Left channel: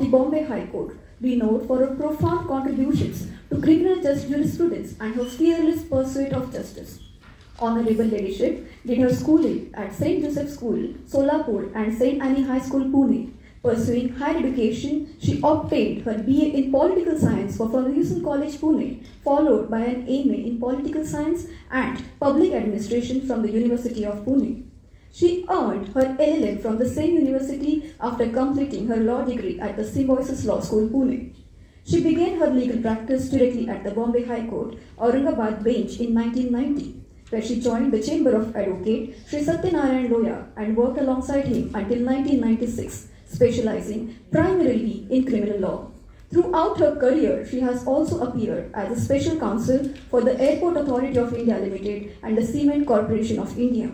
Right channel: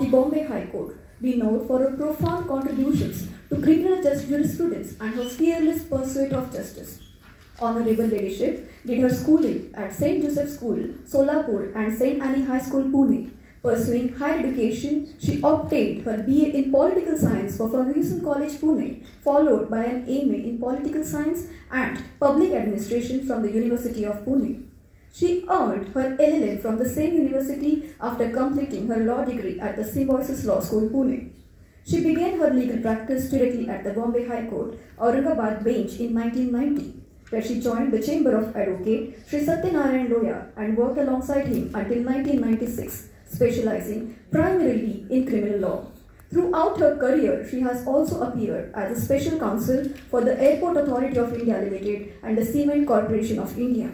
of the Bombay High Court, renowned for her profound contributions to criminal jurisprudence and her fearless pursuit of justice. Honorable Ladyship did her schooling at St. Joseph School, Solapur and St. Annie High School, Pune. Pursuing higher education, she obtained her BA in Political Science from Ferguson College, Pune, followed by an MA in Political Science and Public Administration from the University of Pune. She earned her LLM from the same university after completing her law degree at the Symbiosis Law School, Pune. She began her legal practice directly at the Bombay High Court, Aurangabad bench in 1990, where she joined the Chamber of Advocate Sri Satyanarayan Loya and worked alongside him until 1996, specializing primarily in criminal law. Throughout her career, she has also appeared as a special counsel for the Airport Authority of India Limited and the Cement Corporation of India.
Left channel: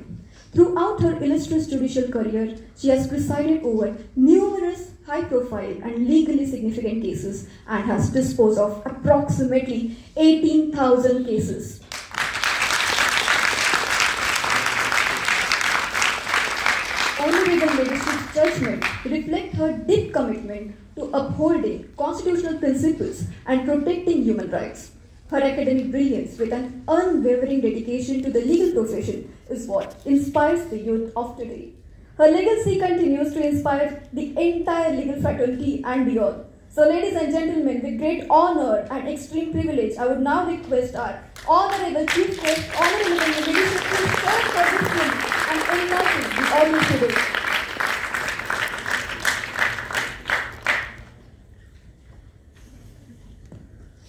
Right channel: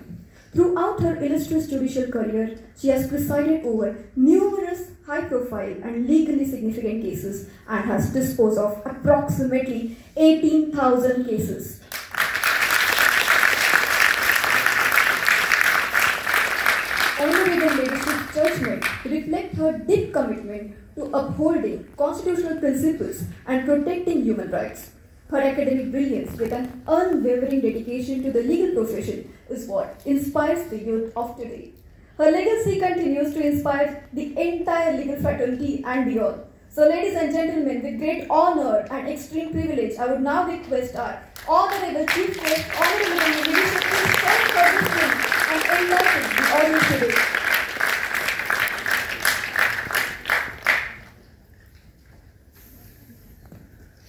Throughout her illustrious judicial career, she has presided over numerous high-profile and legally significant cases and has disposed of approximately 18,000 cases. Honorable Ladyship's judgment reflect her deep commitment to upholding constitutional principles and protecting human rights. Her academic brilliance with an unwavering dedication to the legal profession is what inspires the youth of today. Her legacy continues to inspire the entire legal fraternity and beyond. So ladies and gentlemen, with great honor and extreme privilege, I would now request our Honorable Chief Guest, Honorable Ladyship, to stand for this thing and enlighten the audience today.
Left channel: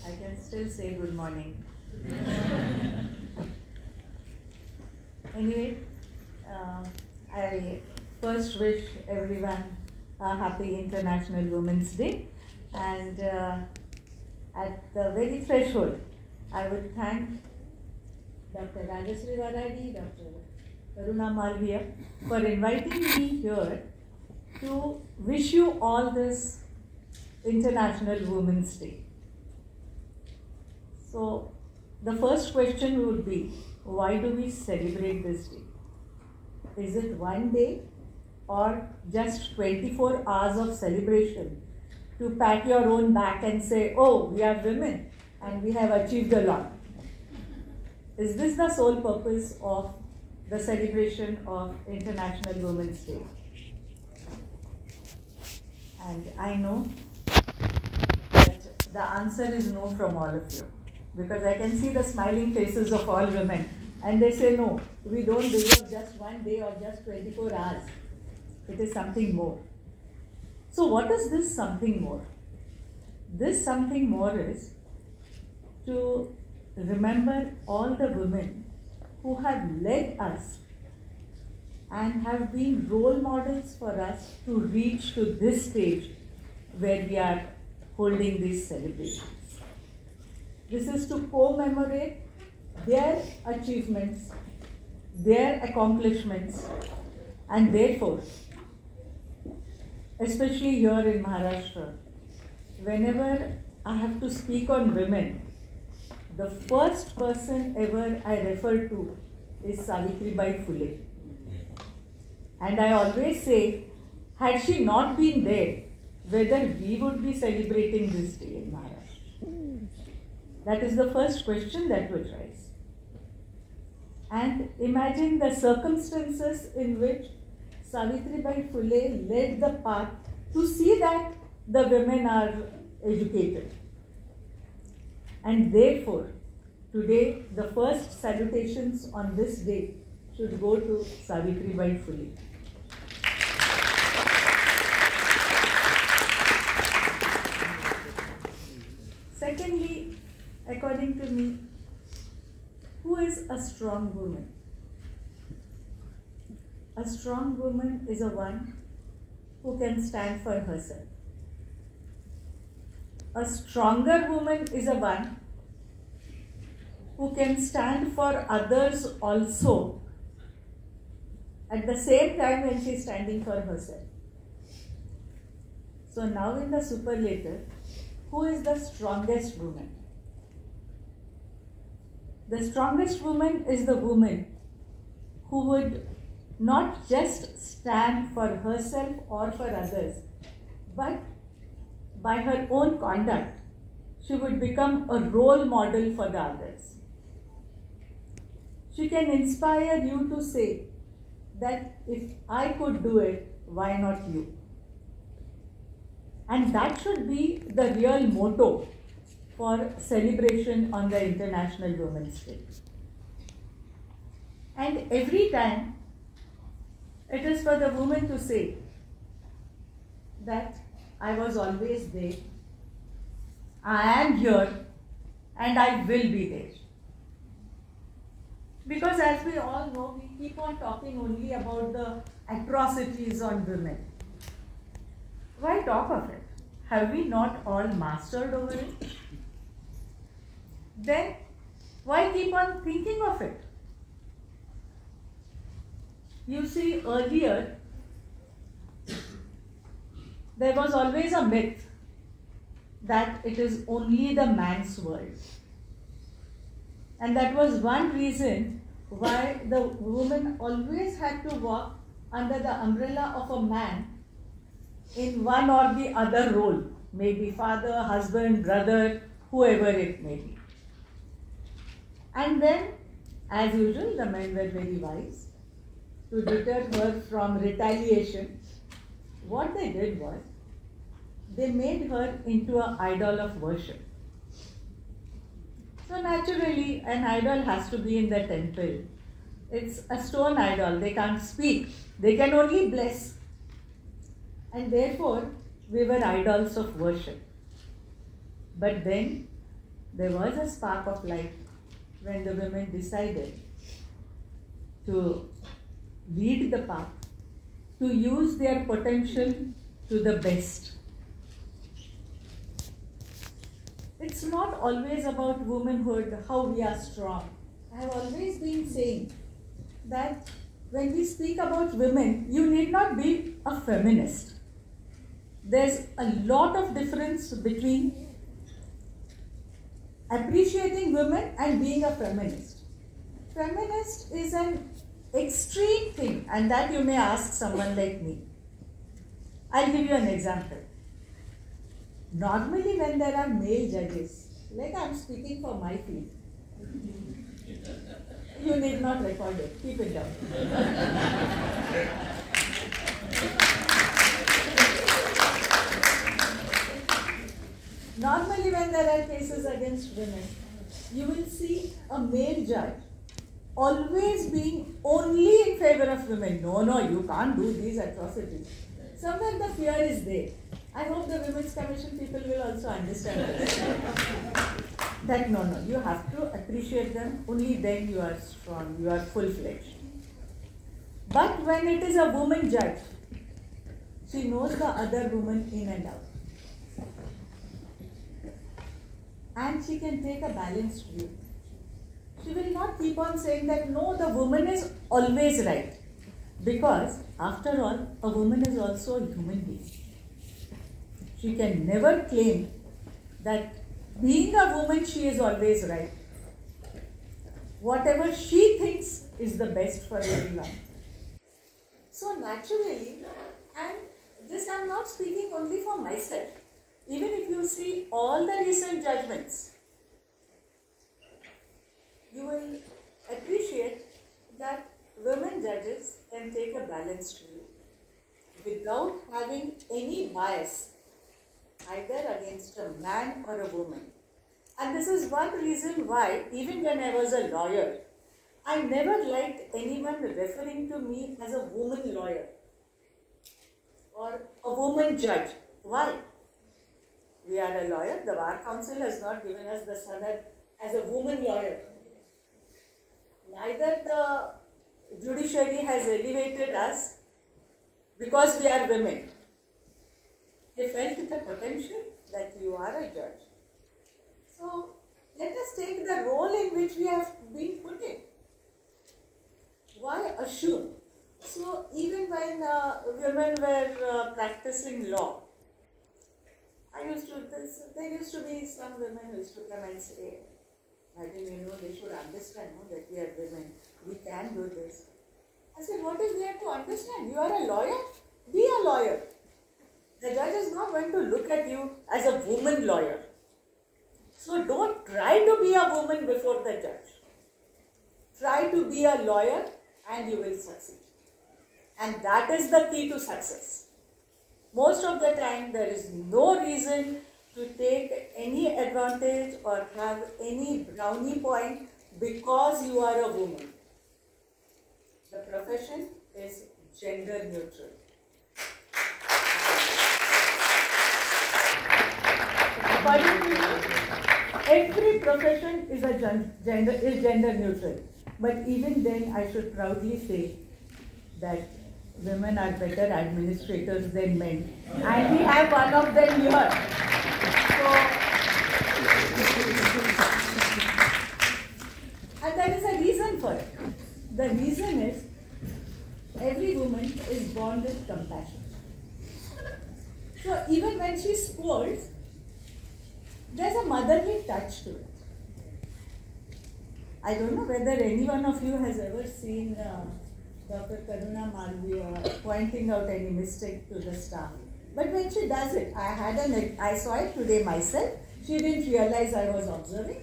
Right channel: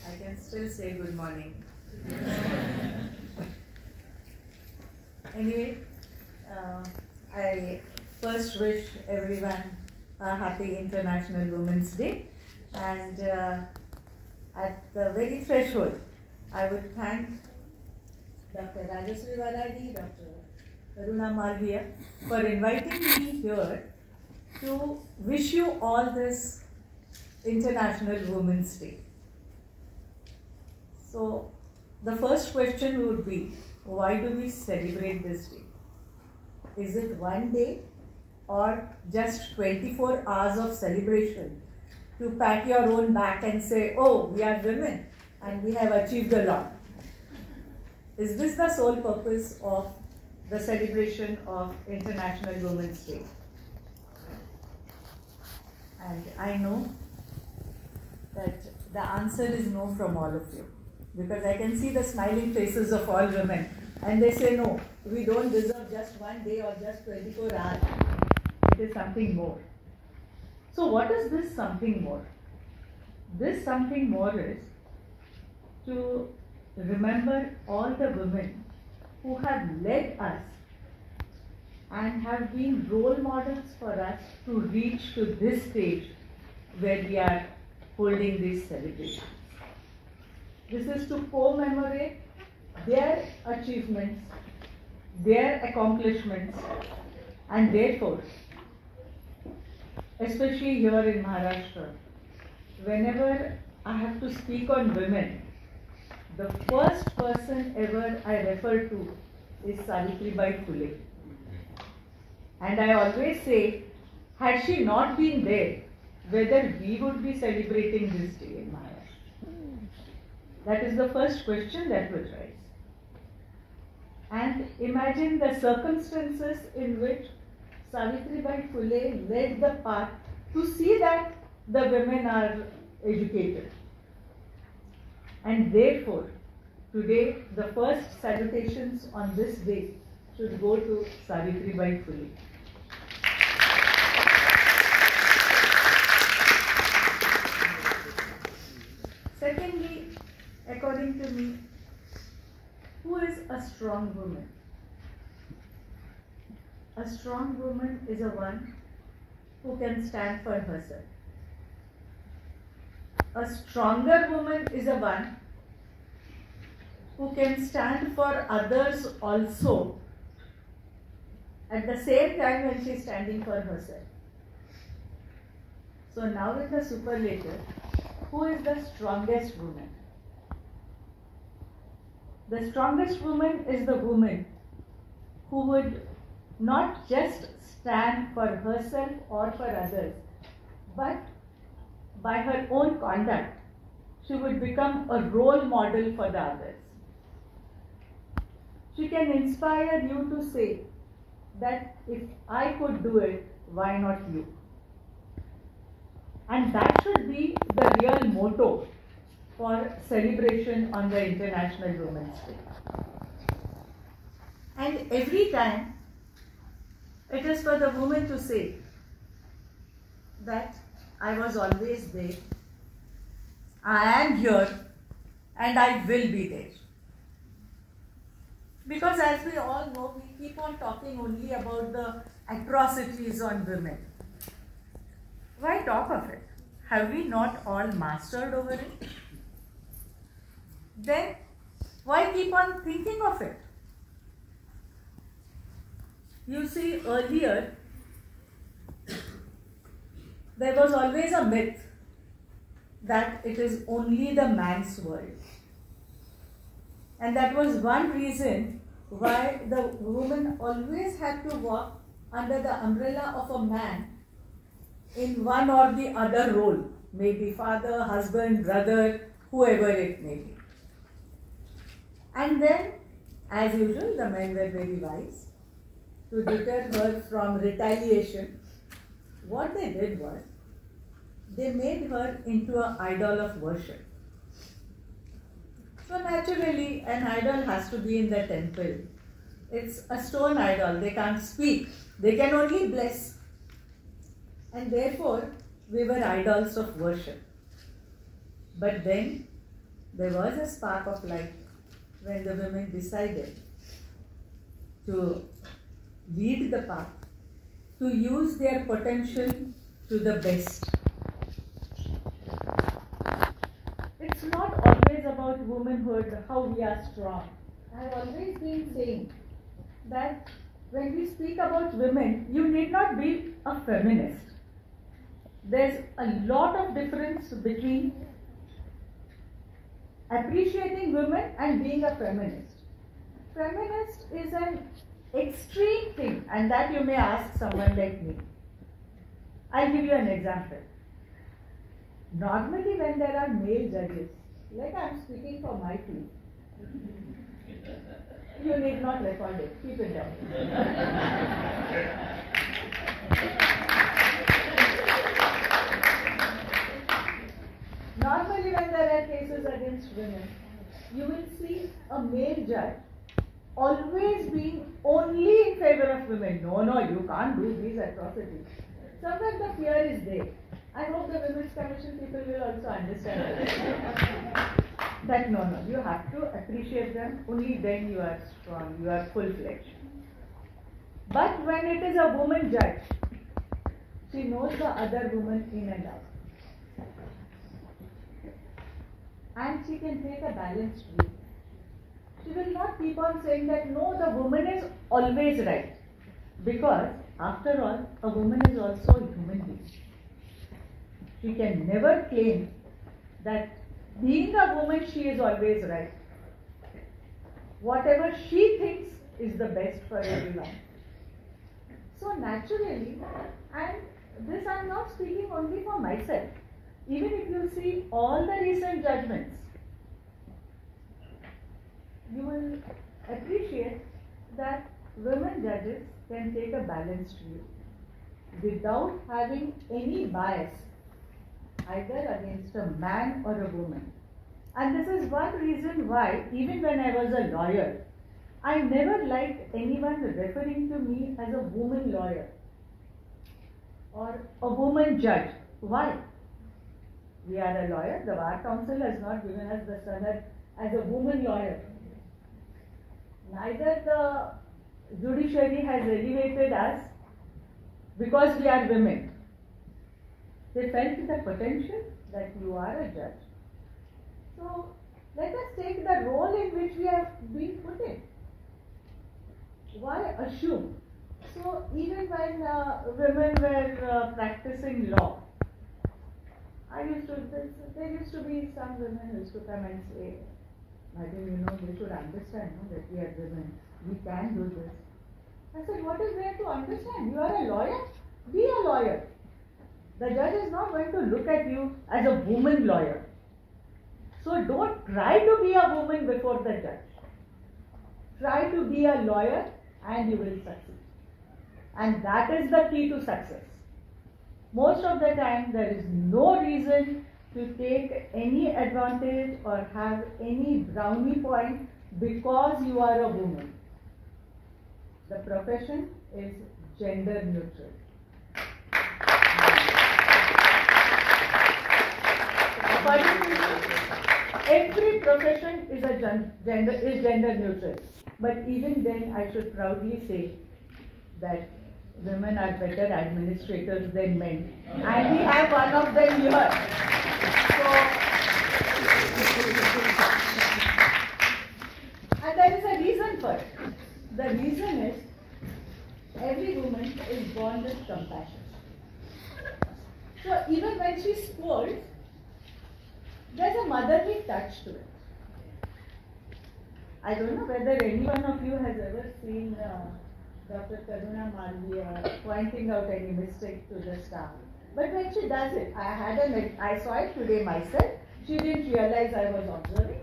I can still say good morning. Anyway, I first wish everyone a happy International Women's Day, and at the very threshold, I would thank Dr. Rajasri Varadi, Dr. Karuna Malviya for inviting me here to wish you all this International Women's Day. So, the first question would be, why do we celebrate this day? Is it one day or just 24 hours of celebration to pat your own back and say, oh, we are women and we have achieved a lot? Is this the sole purpose of the celebration of International Women's Day? And I know that the answer is no from all of you, because I can see the smiling faces of all women, and they say, no, we don't deserve just one day or just 24 hours. It is something more. So what is this something more? This something more is to remember all the women who have led us and have been role models for us to reach to this stage where we are holding these celebrations. This is to commemorate their achievements, their accomplishments, and therefore, especially here in Maharashtra, whenever I have to speak on women, the first person ever I refer to is Savitribai Phule. And I always say, had she not been there, whether we would be celebrating this day in Maharashtra? That is the first question that would rise. And imagine the circumstances in which Savitribai Phule led the path to see that the women are educated. And therefore, today the first salutations on this day should go to Savitribai Phule. Secondly, according to me, who is a strong woman? A strong woman is a one who can stand for herself. A stronger woman is a one who can stand for others also at the same time when she is standing for herself. So now in the superlative, who is the strongest woman? The strongest woman is the woman who would not just stand for herself or for others, but by her own conduct, she would become a role model for the others. She can inspire you to say that if I could do it, why not you? And that should be the real motto for celebration on the International Women's Day. And every time it is for the woman to say that I was always there, I am here, and I will be there. Because as we all know, we keep on talking only about the atrocities on women. Why talk of it? Have we not all mastered over it? Then why keep on thinking of it? You see, earlier there was always a myth that it is only the man's world. And that was one reason why the woman always had to walk under the umbrella of a man in one or the other role, maybe father, husband, brother, whoever it may be. And then, as usual, the men were very wise. To deter her from retaliation, what they did was, they made her into an idol of worship. So naturally, an idol has to be in the temple. It's a stone idol. They can't speak. They can only bless. And therefore, we were idols of worship. But then, there was a spark of light when the women decided to lead the path, to use their potential to the best. It's not always about womanhood, how we are strong. I have always been saying that when we speak about women, you need not be a feminist. There's a lot of difference between appreciating women and being a feminist. Feminist is an extreme thing, and that you may ask someone like me. I'll give you an example. Normally when there are male judges, like I'm speaking for my field, you need not record it, keep it down. Normally when there are cases against women, you will see a male judge always being only in favor of women. No, you can't do these atrocities. Somewhere the fear is there. I hope the Women's Commission people will also understand that no, you have to appreciate them, only then you are strong, you are full-fledged. But when it is a woman judge, she knows the other woman in and out. And she can take a balanced view. She will not keep on saying that no, the woman is always right. Because after all, a woman is also a human being. She can never claim that being a woman, she is always right. Whatever she thinks is the best for everyone. So naturally, and this I am not speaking only for myself. Even if you see all the recent judgments, you will appreciate that women judges can take a balanced view without having any bias either against a man or a woman. And this is one reason why, even when I was a lawyer, I never liked anyone referring to me as a woman lawyer or a woman judge. Why? We are a lawyer. The Bar Council has not given us the sanad as a woman lawyer. Neither the judiciary has elevated us because we are women. They felt the potential that you are a judge. So let us take the role in which we have been put in. Why assume? So even when women were practicing law, there used to be some women who used to come and say, I think they should understand that we are women. We can do this. I said, what is there to understand? You are a lawyer? Be a lawyer. The judge is not going to look at you as a woman lawyer. So don't try to be a woman before the judge. Try to be a lawyer and you will succeed. And that is the key to success. Most of the time there is no reason to take any advantage or have any brownie point because you are a woman. The profession is gender neutral. According to me, every profession is gender neutral. But even then, I should proudly say that women are better administrators than men, and we have one of them here. So, and there is a reason for it. The reason is every woman is born with compassion. So even when she scolds, there's a motherly touch to it. I don't know whether any one of you has ever seen Dr. Karuna Malviya pointing out any mistake to the staff. But when she does it, I saw it today myself. She didn't realize I was observing.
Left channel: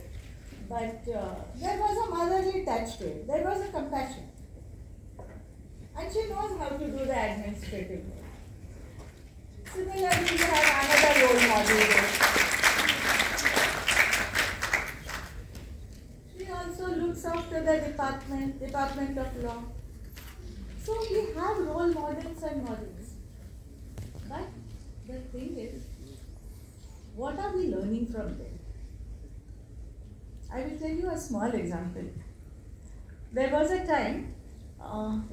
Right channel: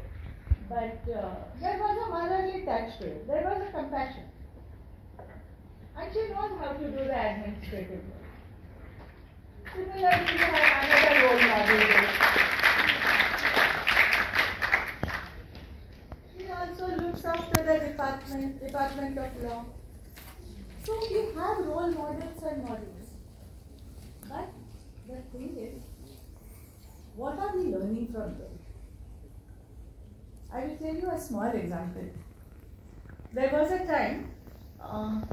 But there was a motherly touch to it. There was a compassion. And she knows how to do the administrative work. Similarly, you have another role model. She also looks after the Department of Law. So we have role models and models. But the thing is, what are we learning from them? I will tell you a small example. There was a time,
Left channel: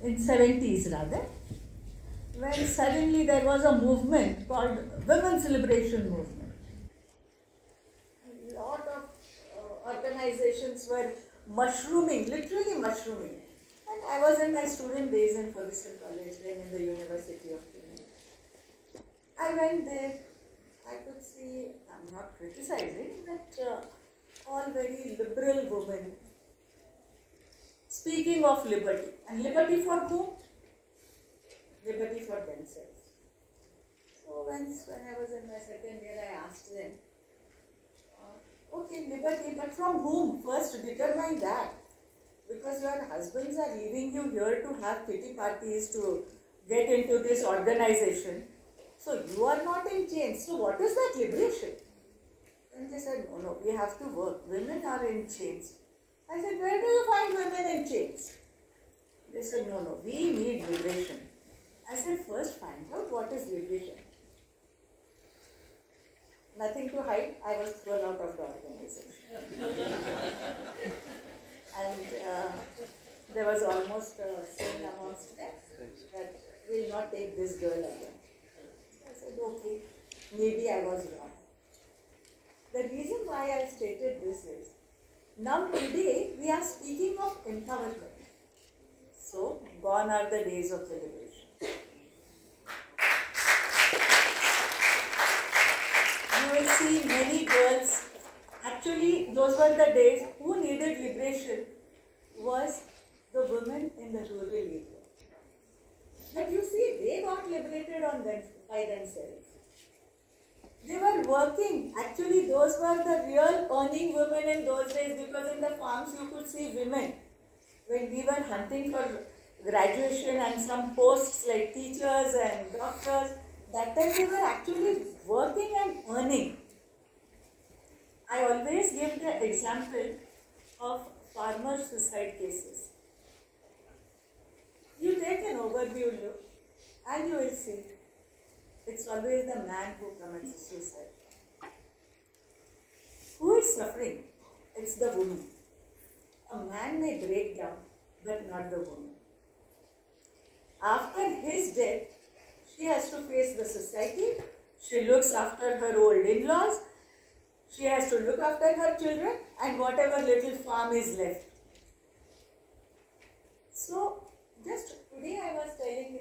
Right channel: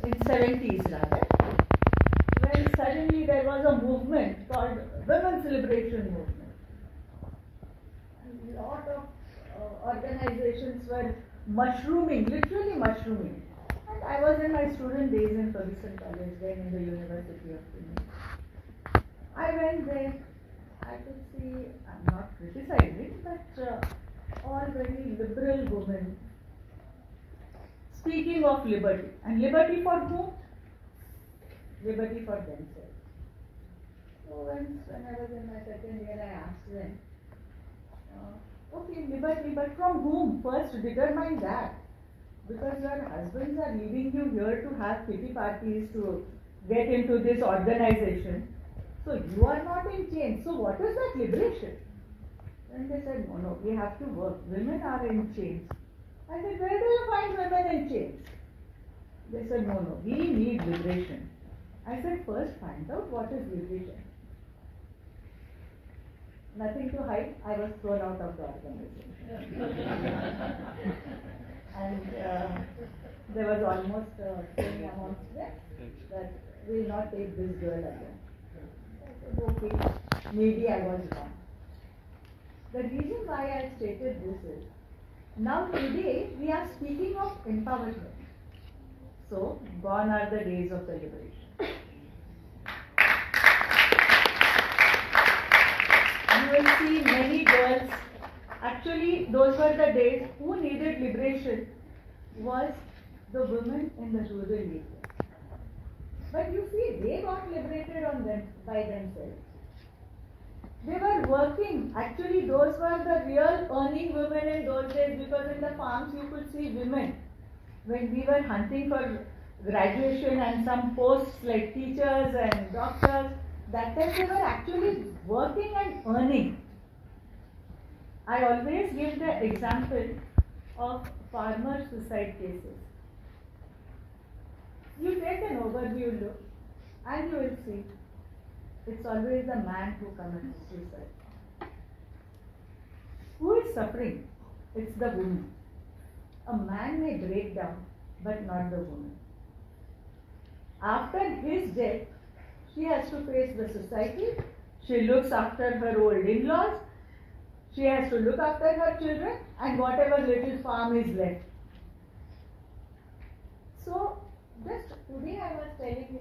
in 70s rather, when suddenly there was a movement called Women's Liberation Movement. A lot of organizations were mushrooming, literally mushrooming. And I was in my student days in Ferguson College, then in the University of Pune. I went there, I could see, I'm not criticizing, but all very liberal women speaking of liberty. And liberty for whom? Liberty for themselves. So when I was in my second year, I asked them, okay, liberty, but from whom? First determine that. Because your husbands are leaving you here to have pity parties to get into this organization. So you are not in chains. So what is that liberation? And they said, no, we have to work. Women are in chains. I said, where do you find women in chains? They said, no, we need liberation. I said, first find out what is liberation. Nothing to hide, I was thrown out of the organization. And there was almost a saying amongst them that we will not take this girl again. So I said, okay, maybe I was wrong. The reason why I stated this is, now today we are speaking of empowerment. So, gone are the days of the liberation. You will see many girls, actually those were the days who needed liberation was the women in the rural area. But you see, they got liberated by themselves. They were working. Actually, those were the real earning women in those days, because in the farms you could see women. When we were hunting for graduation and some posts like teachers and doctors, that time they were actually working and earning. I always give the example of farmer suicide cases. You take an overview look and you will see it's always the man who commits suicide. Who is suffering? It's the woman. A man may break down, but not the woman. After his death, she has to face the society. She looks after her old in-laws. She has to look after her children and whatever little farm is left. So, just today I was telling